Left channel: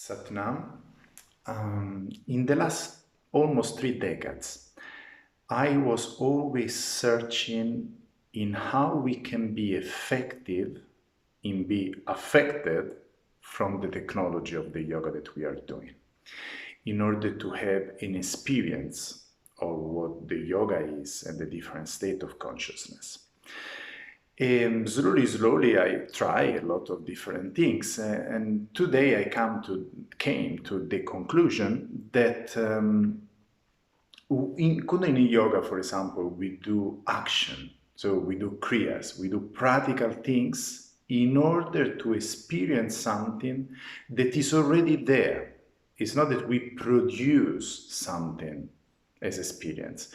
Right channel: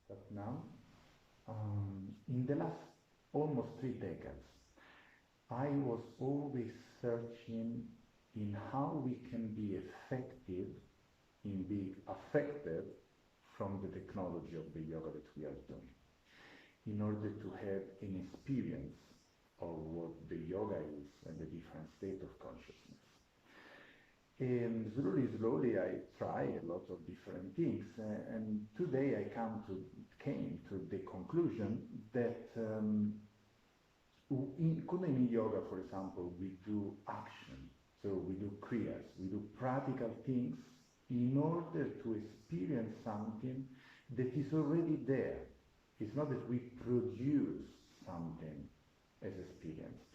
Satnam. In the last almost 3 decades, I was always searching in how we can be effective in be affected from the technology of the yoga that we are doing in order to have an experience of what the yoga is and the different state of consciousness. And slowly, I try a lot of different things, and today I came to the conclusion that in Kundalini Yoga, for example, we do action, so we do kriyas, we do practical things in order to experience something that is already there. It's not that we produce something as experience.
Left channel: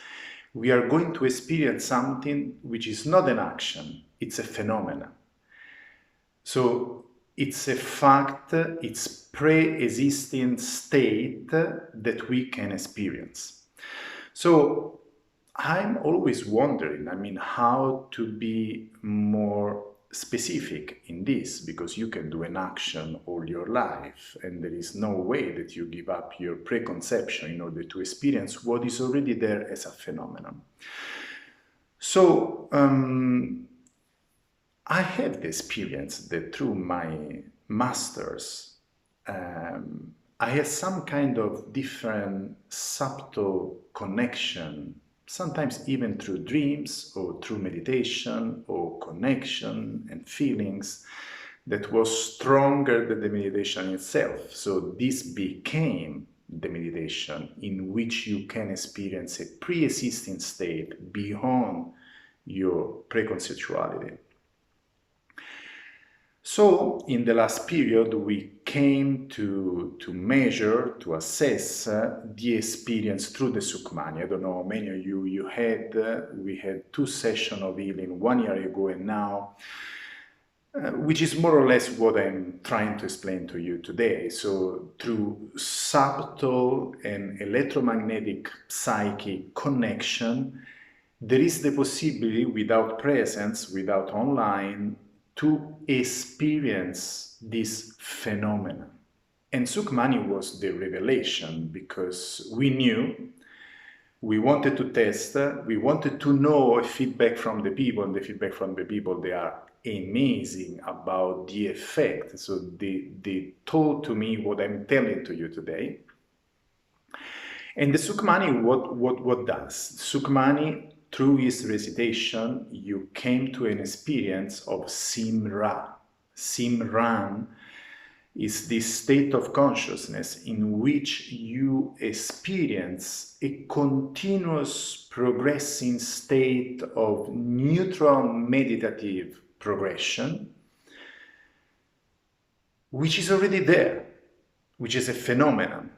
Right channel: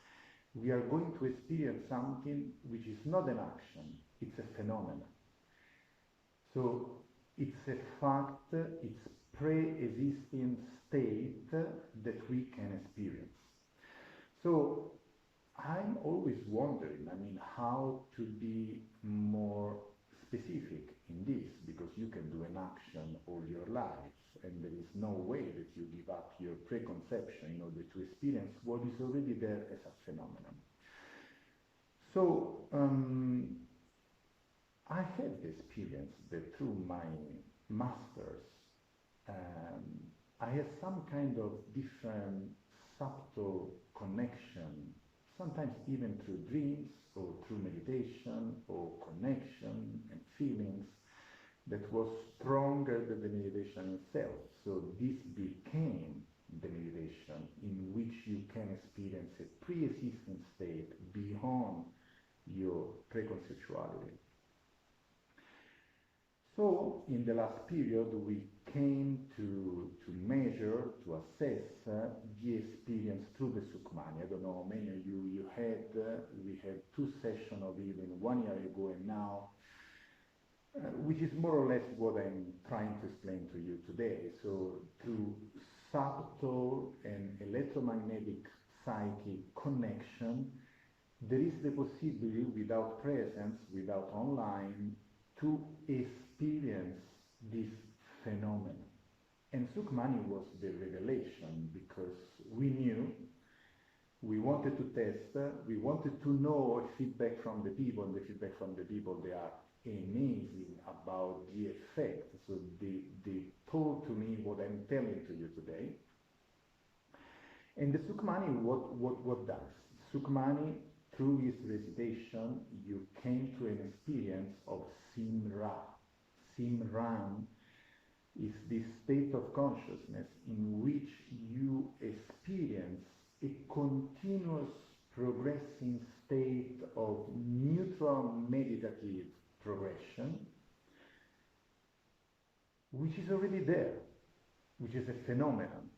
We are going to experience something which is not an action, it's a phenomenon. So it's a fact, it's pre-existing state that we can experience. So I'm always wondering, how to be more specific in this, because you can do an action all your life and there is no way that you give up your preconception in order to experience what is already there as a phenomenon. So I have the experience that through my masters, I had some kind of different subtle connection, sometimes even through dreams or through meditation or connection and feelings that was stronger than the meditation itself. So this became the meditation in which you can experience a pre-existing state beyond your preconceptuality. So in the last period, we came to measure, to assess the experience through the Sukhmani. I don't know, many of you we had 2 sessions of healing 1 year ago and now, which is more or less what I'm trying to explain to you today. So through subtle and electromagnetic psychic connection, there is the possibility without presence, without online, to experience this phenomenon. And Sukhmani was the revelation because we knew, we wanted to test, we wanted to know feedback from the people, and the feedback from the people, they are amazing about the effect. So they told to me what I'm telling to you today. And the Sukhmani, what does? Sukhmani, through his recitation, you came to an experience of Simra. Simran is this state of consciousness in which you experience a continuous progressing state of neutral meditative progression, which is already there, which is a phenomenon.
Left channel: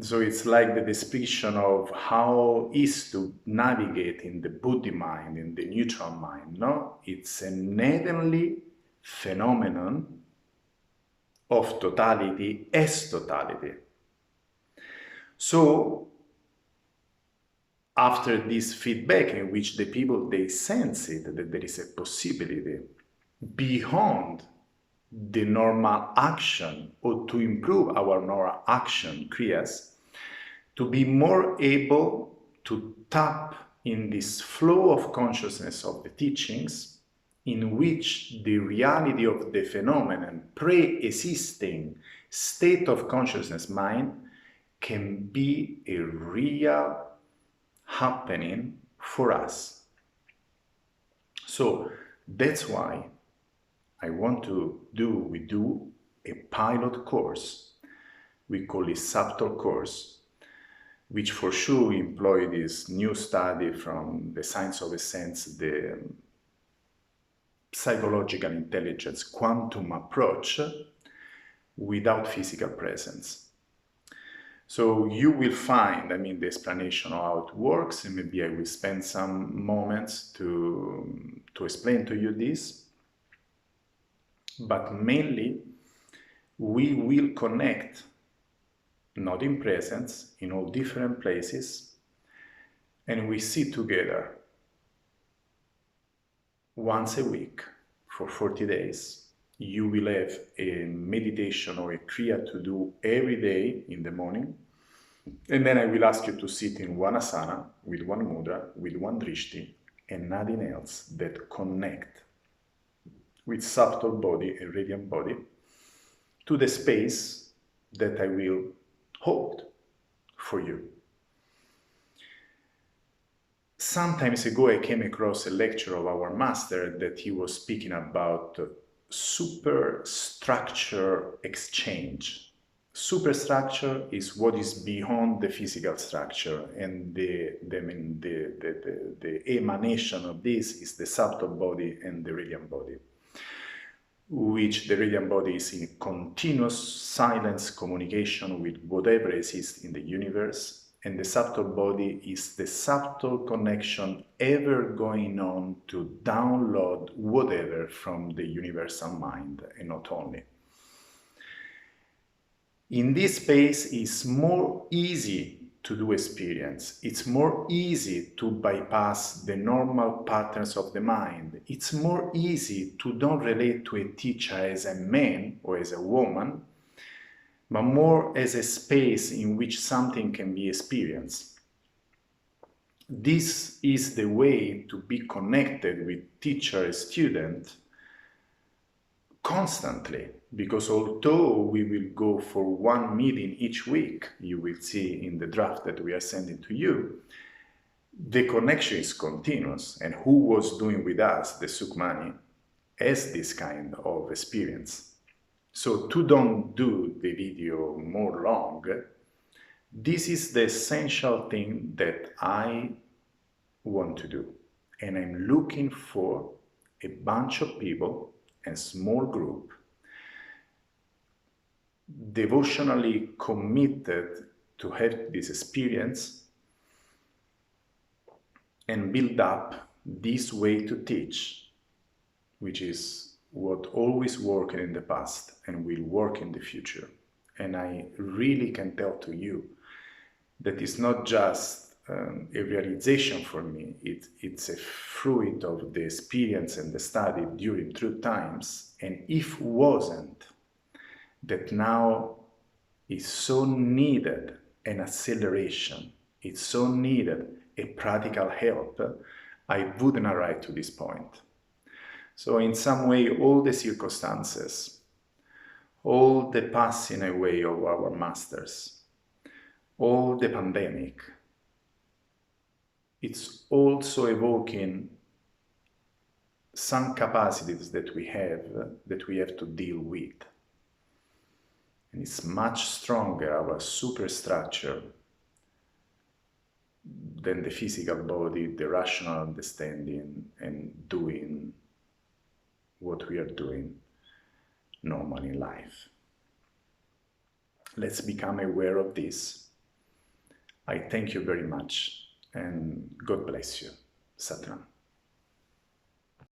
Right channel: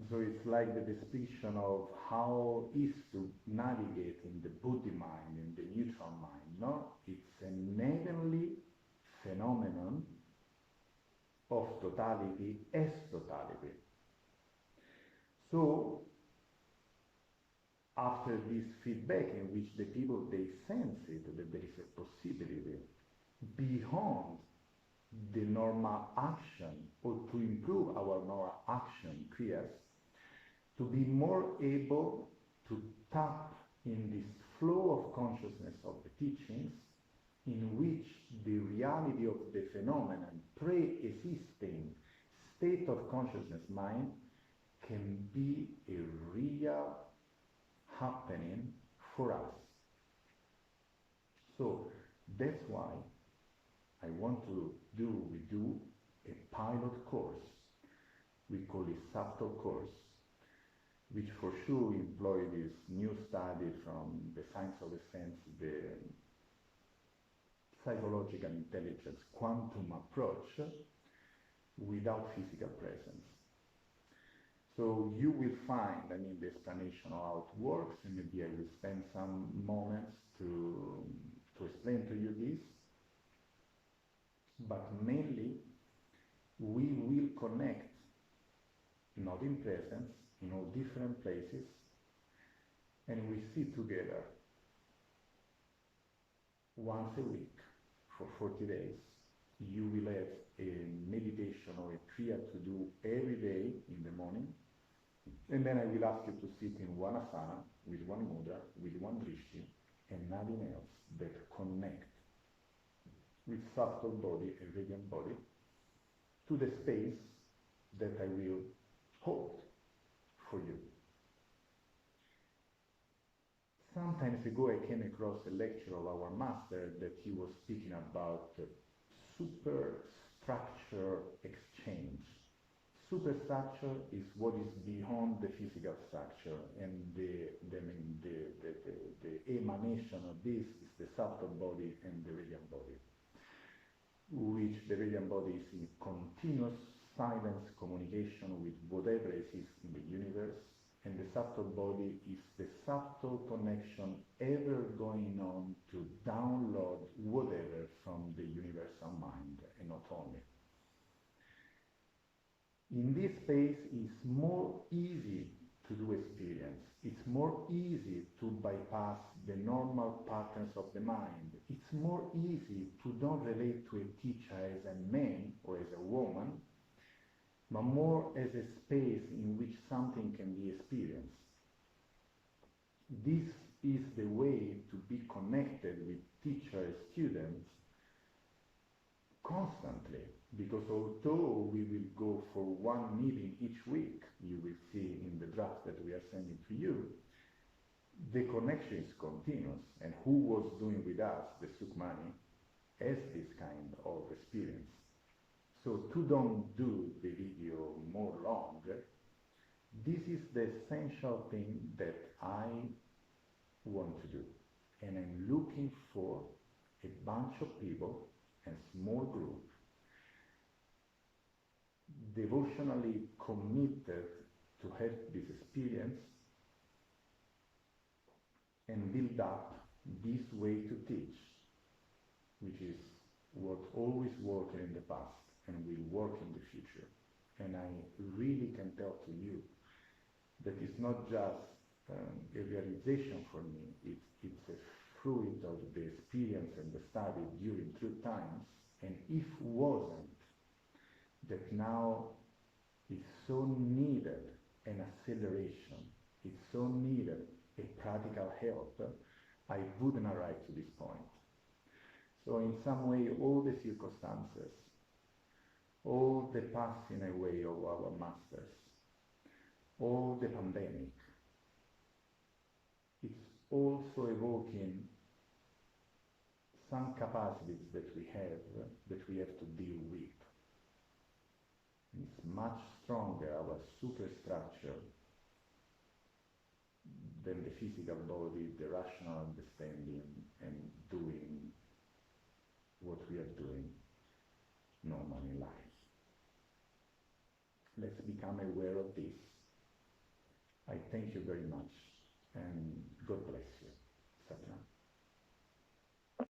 So it's like the description of how is to navigate in the Buddhi mind, in the neutral mind, no? It's an heavenly phenomenon of totality as totality. So after this feedback in which the people, they sense it, that there is a possibility beyond the normal action or to improve our normal action, kriyas, to be more able to tap in this flow of consciousness of the teachings in which the reality of the phenomenon, pre-existing state of consciousness mind, can be a real happening for us. So that's why we do a pilot course. We call it subtle course, which for sure employ this new study from the science of essence, the psychological intelligence quantum approach without physical presence. So you will find, the explanation of how it works, and maybe I will spend some moments to explain to you this. But mainly, we will connect, not in presence, in all different places, and we sit together once a week for 40 days you will have a meditation or a kriya to do every day in the morning. And then I will ask you to sit in one asana, with one mudra, with one drishti, and nothing else that connect with subtle body and radiant body to the space that I will hold for you. Some times ago, I came across a lecture of our master that he was speaking about superstructure exchange. Superstructure is what is beyond the physical structure, and the emanation of this is the subtle body and the radiant body, which the radiant body is in continuous silence communication with whatever exists in the universe, and the subtle body is the subtle connection ever going on to download whatever from the universal mind, and not only. In this space, it's more easy to do experience. It's more easy to bypass the normal patterns of the mind. It's more easy to don't relate to a teacher as a man or as a woman, but more as a space in which something can be experienced. This is the way to be connected with teacher and student constantly, because although we will go for one meeting each week, you will see in the draft that we are sending to you, the connection is continuous, and who was doing with us the Sukhmani has this kind of experience. So to don't do the video more long, this is the essential thing that I want to do, and I'm looking for a bunch of people, a small group, devotionally committed to have this experience and build up this way to teach, which is what always worked in the past and will work in the future. And I really can tell to you that it's not just a realization for me, it's a fruit of the experience and the study during true times. And if wasn't that now is so needed an acceleration, it's so needed a practical help, I wouldn't arrive to this point. So in some way, all the circumstances, all the passing away of our masters, all the pandemic, it's also evoking some capacities that we have to deal with. And it's much stronger, our superstructure, than the physical body, the rational understanding, and doing what we are doing normally in life. Let's become aware of this. I thank you very much, and God bless you. Satnam.